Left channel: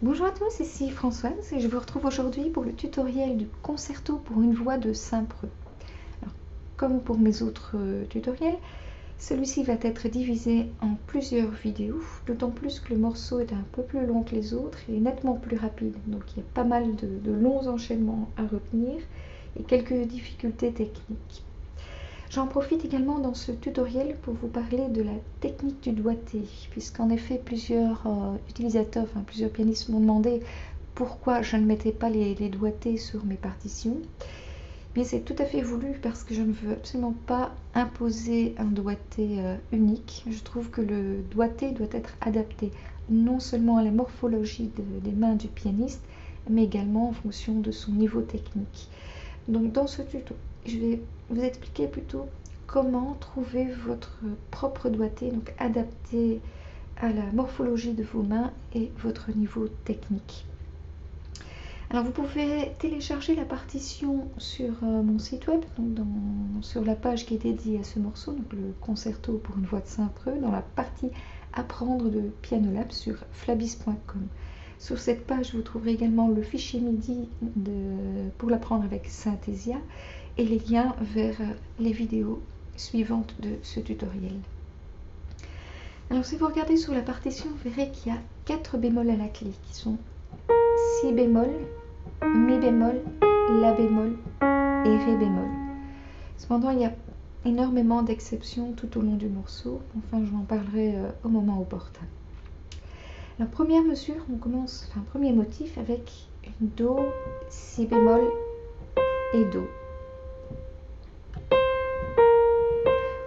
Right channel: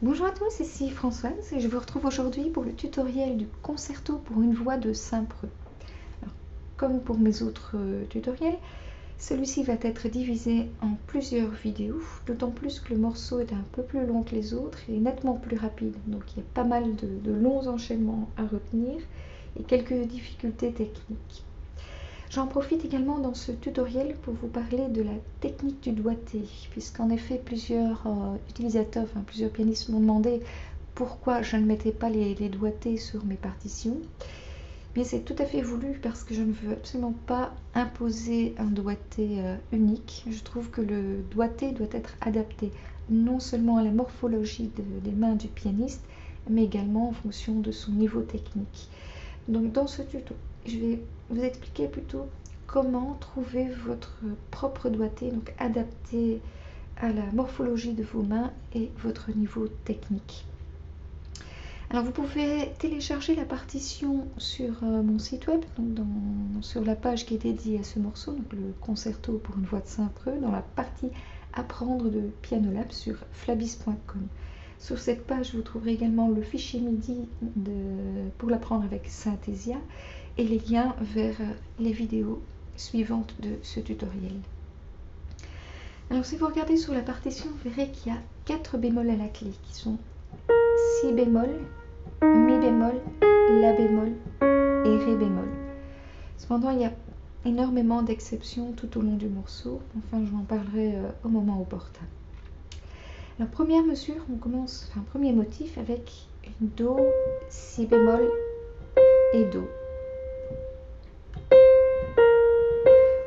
Bonjour à tous, ici Françoise et je vous retrouve aujourd'hui pour le tutoriel du concerto pour une voix de Saint-Preux. Comme pour mes autres tutoriels, celui-ci va être divisé en plusieurs vidéos, d'autant plus que le morceau est un peu plus long que les autres et nettement plus rapide. Donc il y a pas mal de longs enchaînements à retenir et quelques difficultés techniques. J'en profite également dans ce tutoriel pour vous parler de la technique du doigté, puisqu'en effet plusieurs utilisateurs, plusieurs pianistes m'ont demandé pourquoi je ne mettais pas les doigtés sur mes partitions. Mais c'est tout à fait voulu parce que je ne veux absolument pas imposer un doigté unique. Je trouve que le doigté doit être adapté non seulement à la morphologie des mains du pianiste, mais également en fonction de son niveau technique. Donc dans ce tuto, je vais vous expliquer plutôt comment trouver votre propre doigté, donc adapté à la morphologie de vos mains et votre niveau technique. Alors vous pouvez télécharger la partition sur mon site web, donc sur la page qui est dédiée à ce morceau, donc le concerto pour une voix de Saint-Preux, dans la partie apprendre de Pianolab sur flabis.com. Sur cette page, vous trouverez également le fichier MIDI pour l'apprendre avec Synthesia et les liens vers les vidéos suivantes de ce tutoriel. Alors si vous regardez sur la partition, vous verrez qu'il y a 4 bémols à la clé qui sont Si bémol, Mi bémol, La bémol et Ré bémol. Cependant, il y a énormément d'exceptions tout au long du morceau. Enfin, je vous en parlerai au moment opportun. Alors, première mesure, on commence, premier motif avec une Do, Si bémol et Do.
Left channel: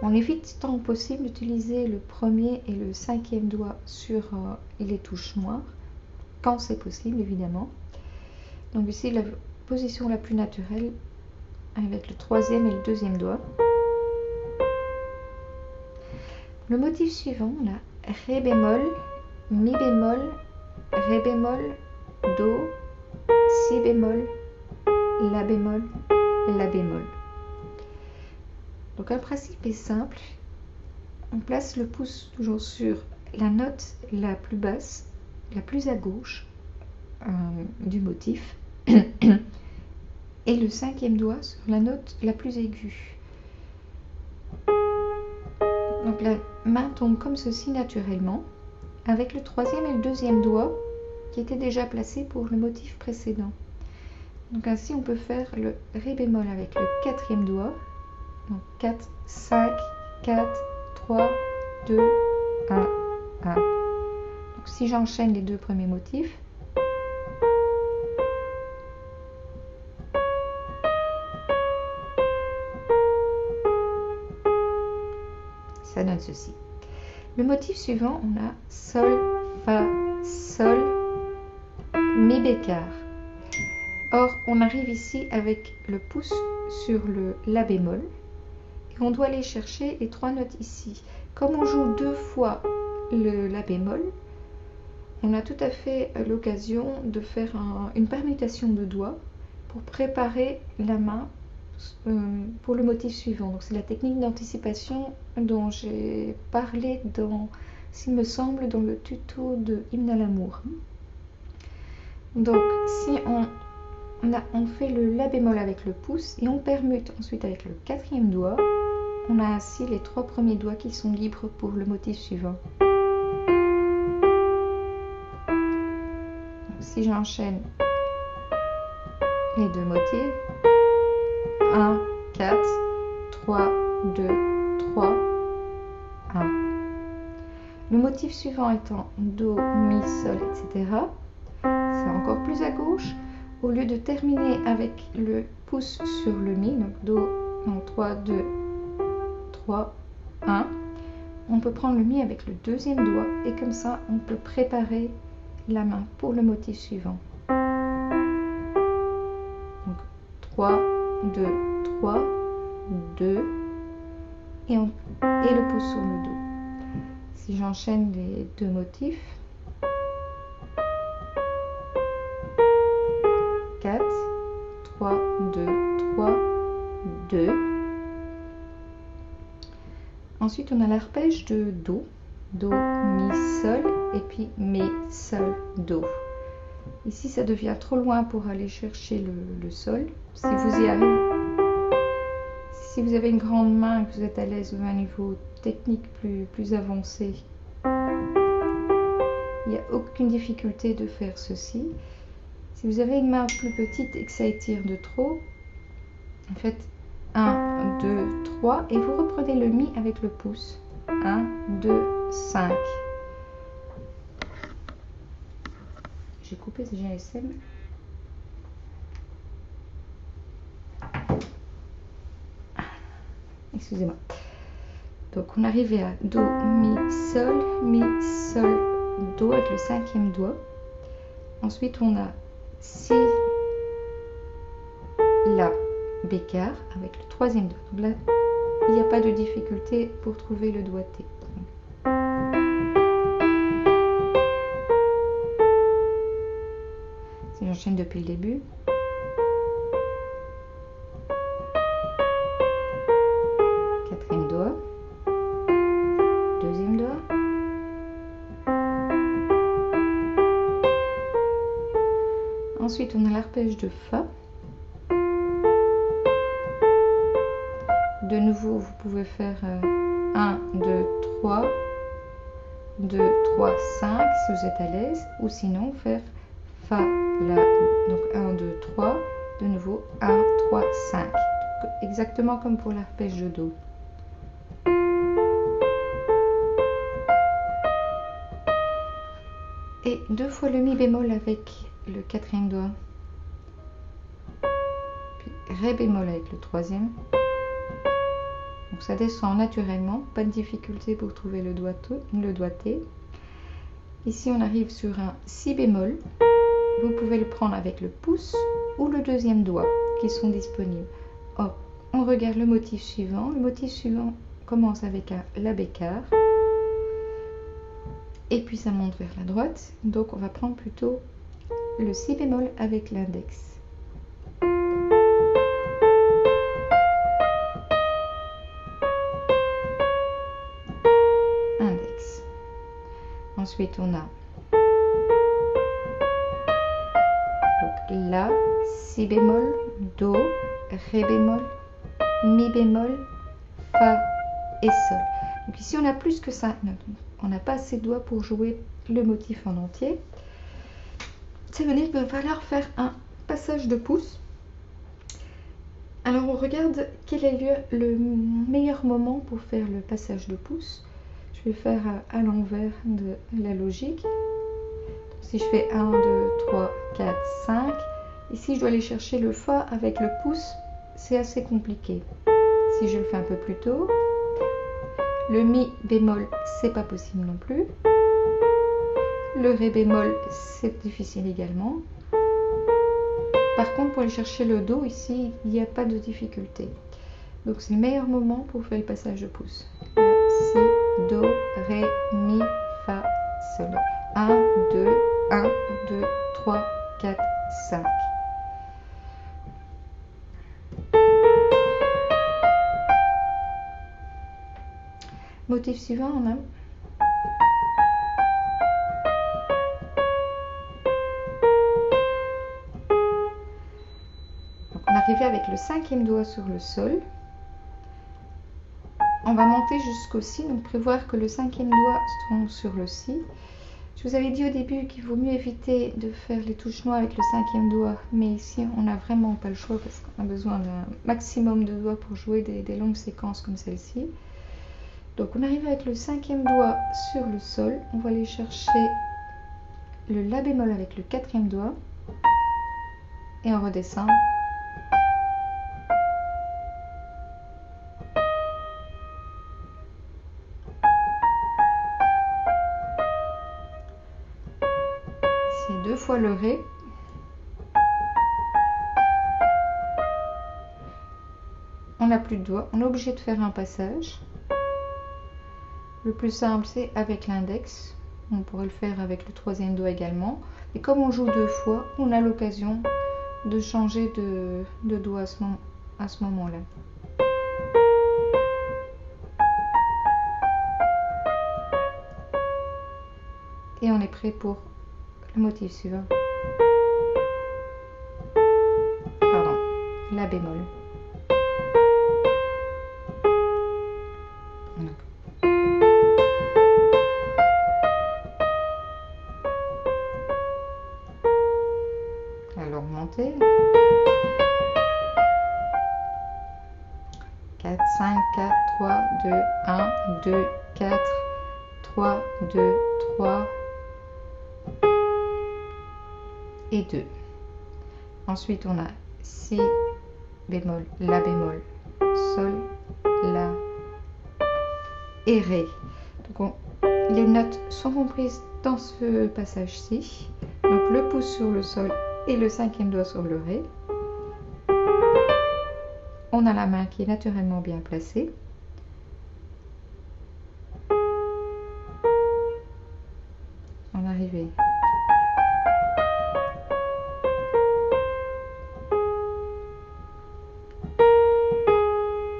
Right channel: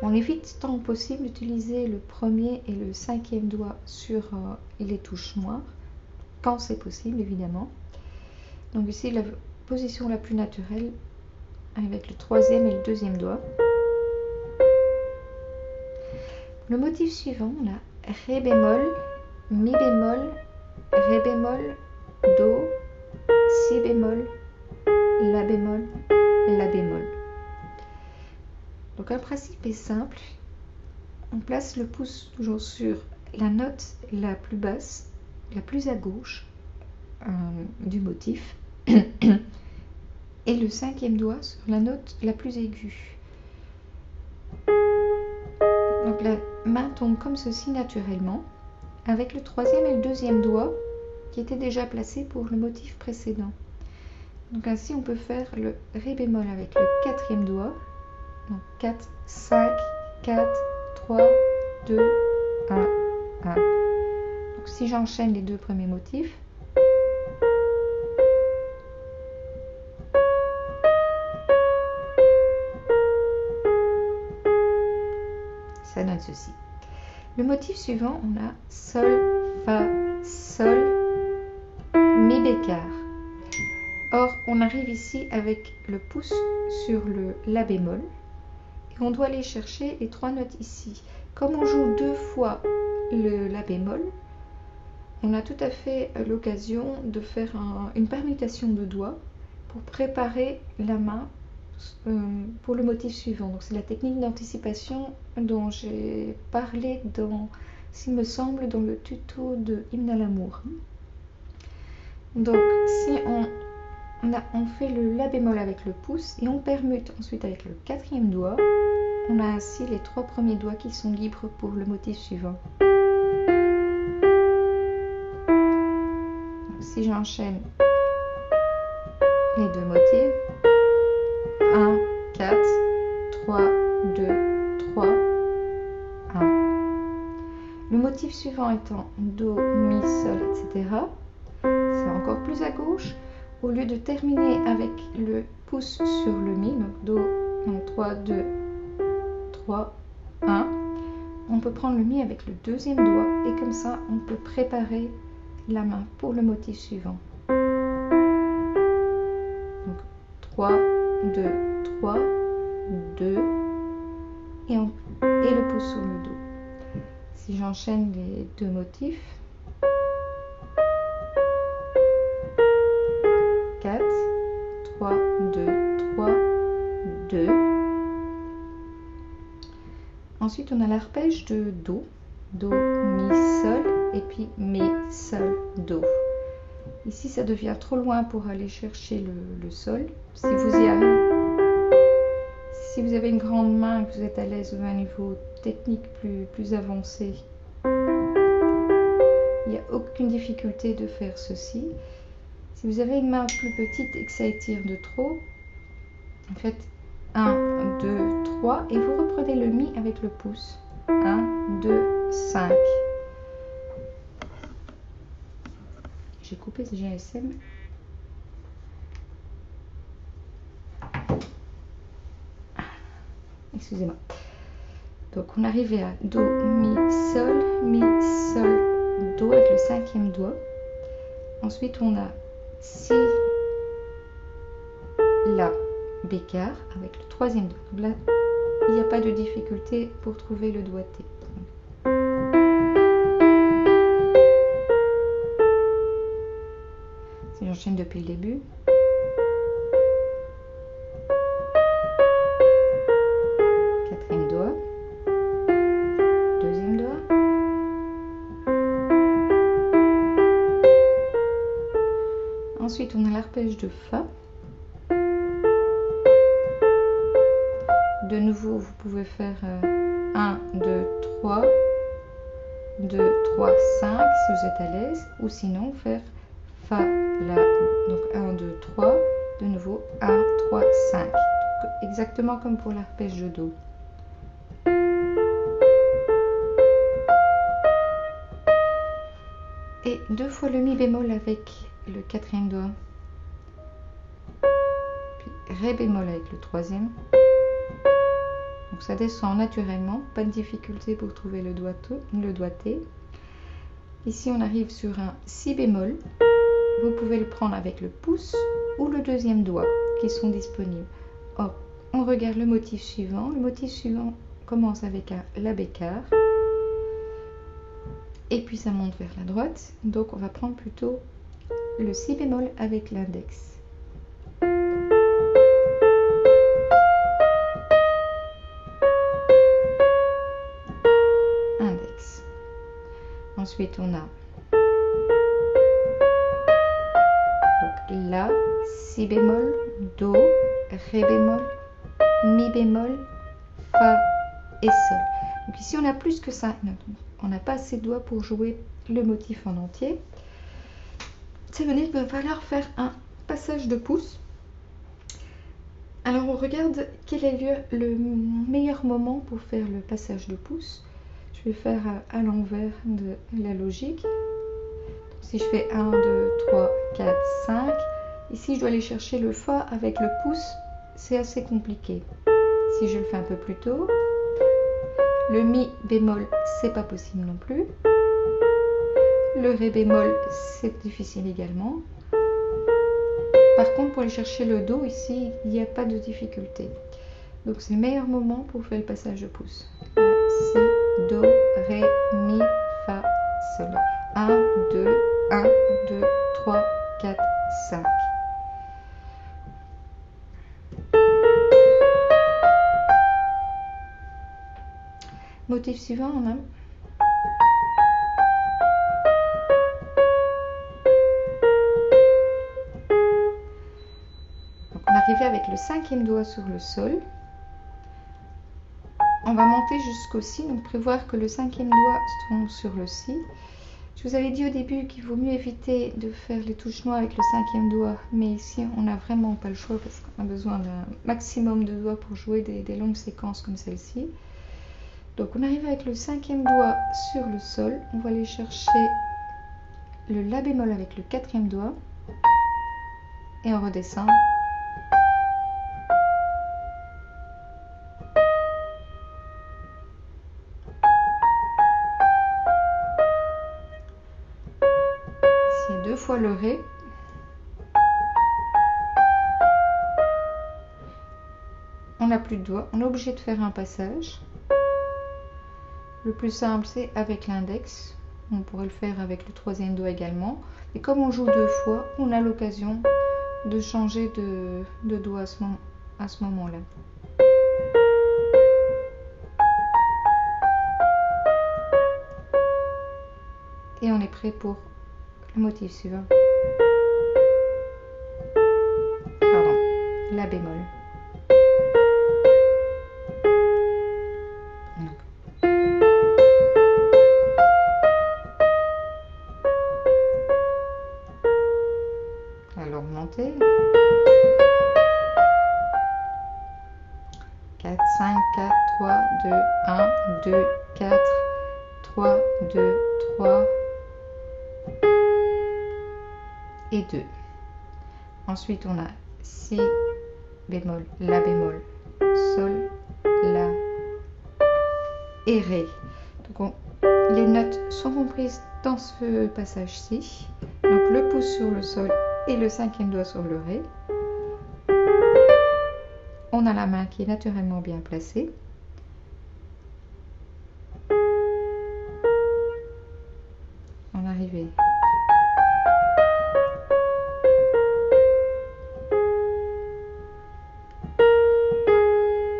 On évite tant possible d'utiliser le premier et le cinquième doigt sur les touches noires, quand c'est possible évidemment. Donc ici, la position la plus naturelle avec le troisième et le deuxième doigt. Le motif suivant, on a Ré bémol, Mi bémol, Ré bémol, Do, Si bémol, La bémol, La bémol. Donc un principe est simple, on place le pouce toujours sur la note la plus basse, la plus à gauche du motif, et le cinquième doigt sur la note la plus aiguë. Donc la main tombe comme ceci naturellement, avec le troisième et le deuxième doigt qui étaient déjà placés pour le motif précédent. Donc ainsi on peut faire le Ré bémol avec le quatrième doigt. Donc 4, 5, 4, 3, 2, 1, 1. Donc si j'enchaîne les deux premiers motifs, ça donne ceci. Le motif suivant, on a Sol, Fa, Sol, Mi bécard. Or, on arrive ici avec le pouce sur le La bémol. On doit aller chercher les 3 notes ici. Comme on joue 2 fois le La bémol, on a tout à fait l'occasion de faire une permutation de doigts pour préparer la main pour le motif suivant. Donc c'est la technique d'anticipation dont j'ai parlé s'il me semble, dans le tuto de Hymne à l'amour. Donc si on fait le La bémol avec le pouce et on permute ensuite avec le quatrième doigt, on a ainsi les 3 premiers doigts qui sont libres pour le motif suivant. Donc, si j'enchaîne les deux motifs, 1, 4, 3, 2, 3, 1. Le motif suivant étant Do, Mi, Sol, etc. C'est encore plus à gauche. Au lieu de terminer avec le pouce sur le Mi, donc Do, donc 3, 2, 3, 1, on peut prendre le Mi avec le deuxième doigt et comme ça on peut préparer la main pour le motif suivant. Donc 3, 2, 3, 2 et le pouce sur le Do. Si j'enchaîne les deux motifs, 4, 3, 2, 3, 2. Ensuite, on a l'arpège de Do. Do, Mi, Sol, et puis Mi, Sol, Do. Ici, ça devient trop loin pour aller chercher le sol. Si vous y arrivez, si vous avez une grande main, que vous êtes à l'aise ou à un niveau technique plus avancé, il n'y a aucune difficulté de faire ceci. Si vous avez une main plus petite et que ça étire de trop, faites 1, 2, 3 et vous reprenez le mi avec le pouce. 1, 2, 5. J'ai coupé ce GSM. Excusez-moi. Donc on arrivait à Do, Mi, Sol, Do avec le 5e doigt. Ensuite on a Si, La, Bécard avec le 3e doigt. Donc là, il n'y a pas de difficulté pour trouver le doigté. Si j'enchaîne depuis le début. Quatrième doigt. Deuxième doigt. Ensuite, on a l'arpège de Fa. De nouveau, vous pouvez faire 1, 2, 3, 2, 3, 5 si vous êtes à l'aise. Ou sinon, faire Fa, La. Donc 1, 2, 3. De nouveau, 1, 3, 5. Donc, exactement comme pour l'arpège de Do. Et 2 fois le Mi bémol avec le 4e doigt. Puis Ré bémol avec le 3e. Donc ça descend naturellement, pas de difficulté pour trouver le doigté. Ici on arrive sur un Si bémol. Vous pouvez le prendre avec le pouce ou le 2e doigt qui sont disponibles. Or, on regarde le motif suivant. Le motif suivant commence avec un La Bécard. Et puis ça monte vers la droite. Donc on va prendre plutôt le Si bémol avec l'index. Index. Ensuite on a donc La, Si bémol, Do, Ré bémol, Mi bémol, Fa et Sol. Donc ici on a plus que ça. On n'a pas assez de doigts pour jouer le motif en entier. Ça veut dire qu'il va falloir faire un passage de pouce. Alors on regarde quel est le meilleur moment pour faire le passage de pouce. Je vais faire à l'envers de la logique. Donc, si je fais 1, 2, 3, 4, 5, ici je dois aller chercher le Fa avec le pouce, c'est assez compliqué. Si je le fais un peu plus tôt, le Mi bémol, c'est pas possible non plus. Le Ré bémol, c'est difficile également. Par contre, pour aller chercher le Do, ici, il n'y a pas de difficulté. Donc, c'est le meilleur moment pour faire le passage de pouce. Si, Do, Ré, Mi, Fa, Sol. 1, 2, 1, 2, 3, 4, 5. Motif suivant, on a on arrivait avec le 5e doigt sur le sol. On va monter jusqu'au Si, donc prévoir que le 5e doigt se trouve sur le Si. Je vous avais dit au début qu'il vaut mieux éviter de faire les touches noires avec le 5e doigt, mais ici on n'a vraiment pas le choix parce qu'on a besoin d'un maximum de doigts pour jouer des longues séquences comme celle-ci. Donc on arrive avec le 5e doigt sur le sol, on va aller chercher le La bémol avec le 4e doigt et on redescend. Ici 2 fois le Ré. On n'a plus de doigts, on est obligé de faire un passage. Le plus simple, c'est avec l'index. On pourrait le faire avec le 3e doigt également. Et comme on joue 2 fois, on a l'occasion de changer de doigt à ce moment-là. Et on est prêt pour le motif suivant. la bémol. Alors monter. 4, 5, 4, 3, 2, 1, 2, 4, 3, 2, 3 et 2. Ensuite, on a si bémol, la bémol, sol, la et ré. Donc les notes sont comprises dans ce passage-ci. Donc le pouce sur le sol et le cinquième doigt sur le ré. On a la main qui est naturellement bien placée. En arrivée.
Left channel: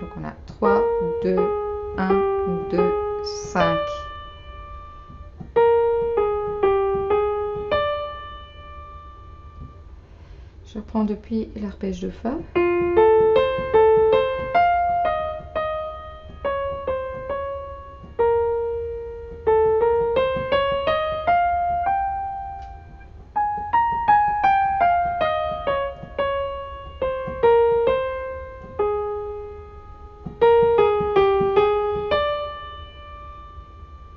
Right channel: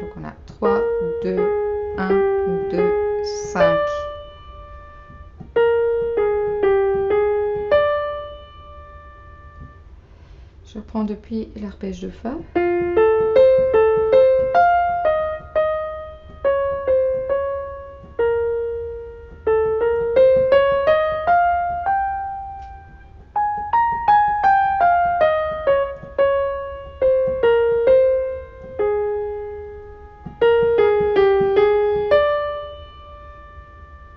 Donc on a 3, 2, 1, 2, 5. Je reprends depuis l'arpège de Fa.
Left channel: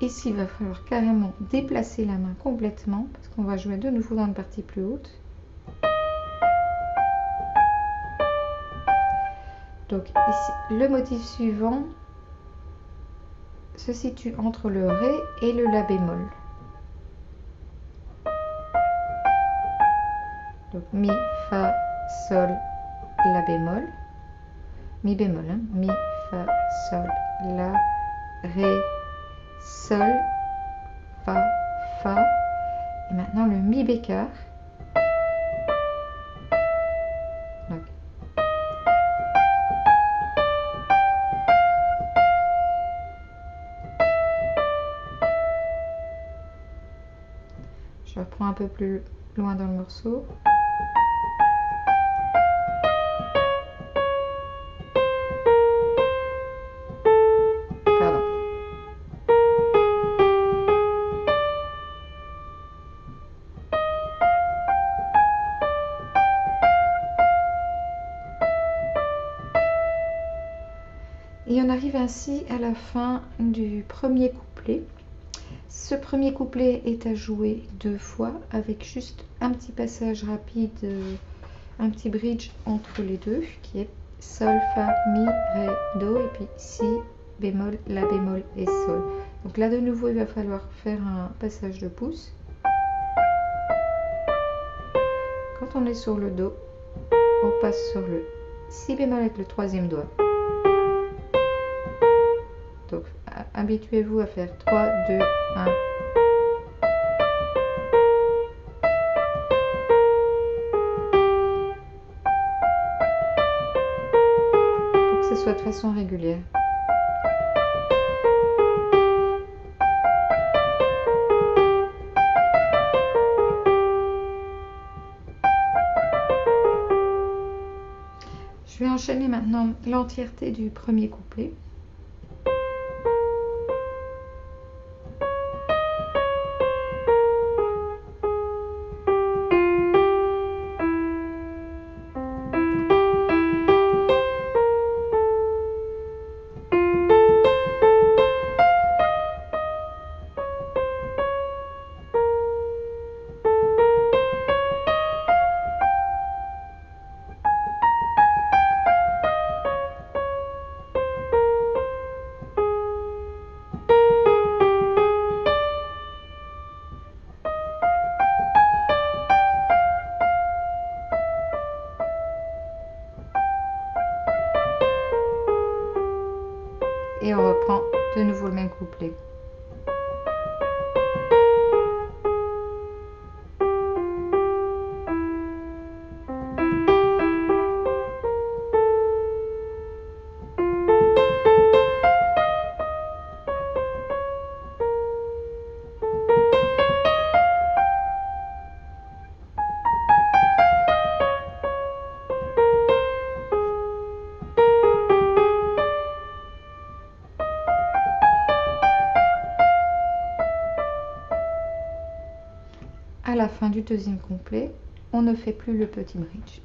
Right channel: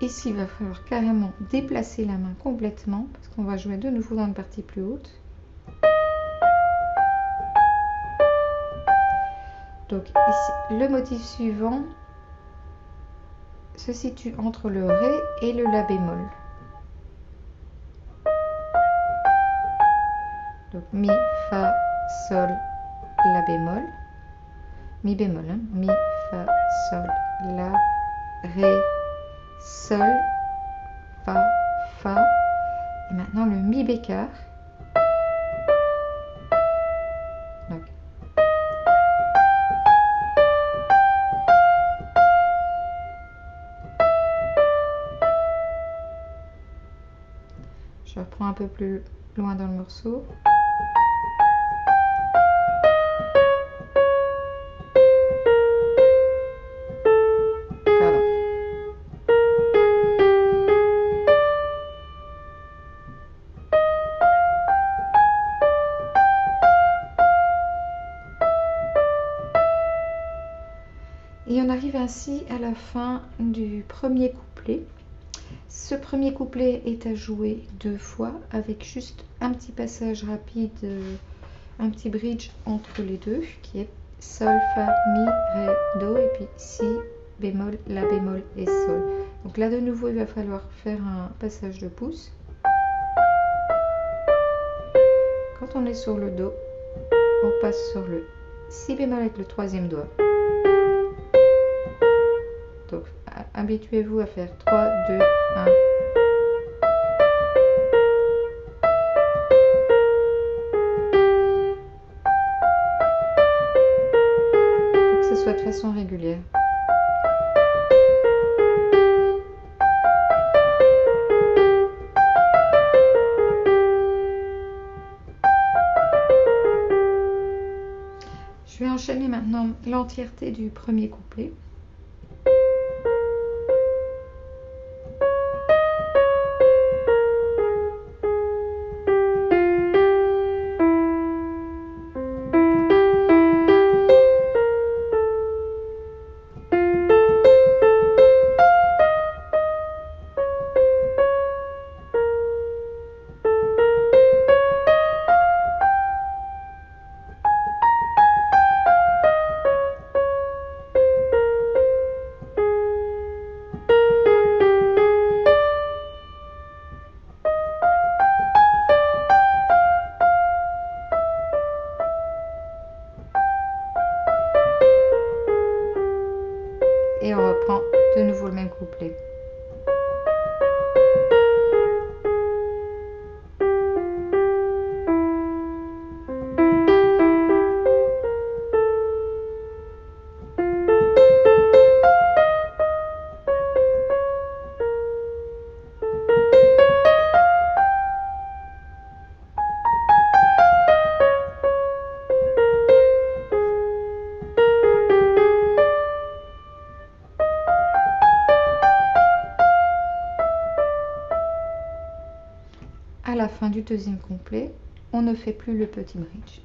Ici, il va falloir carrément déplacer la main complètement parce qu'on va jouer de nouveau dans une partie plus haute. Donc ici, le motif suivant se situe entre le Ré et le La bémol. Donc Mi, Fa, Sol, La bémol. Mi bémol, hein. Mi, Fa, Sol, La, Ré, Sol, Fa, Fa. Et maintenant le Mi bécard. Donc, je reprends un peu plus loin dans le morceau. Pardon. Et on arrive ainsi à la fin du premier couplet. Ce premier couplet est à jouer 2 fois avec juste un petit passage rapide, un petit bridge entre les deux qui est Sol, Fa, Mi, Ré, Do et puis Si, bémol, La bémol et Sol. Donc là de nouveau il va falloir faire un passage de pouce. Quand on est sur le Do, on passe sur le Si bémol avec le troisième doigt. Donc habituez-vous à faire 3, 2, 1. Pour que ce soit de façon régulière. Je vais enchaîner maintenant l'entièreté du premier couplet. Et on reprend de nouveau le même couplet. à la fin du deuxième couplet, on ne fait plus le petit bridge.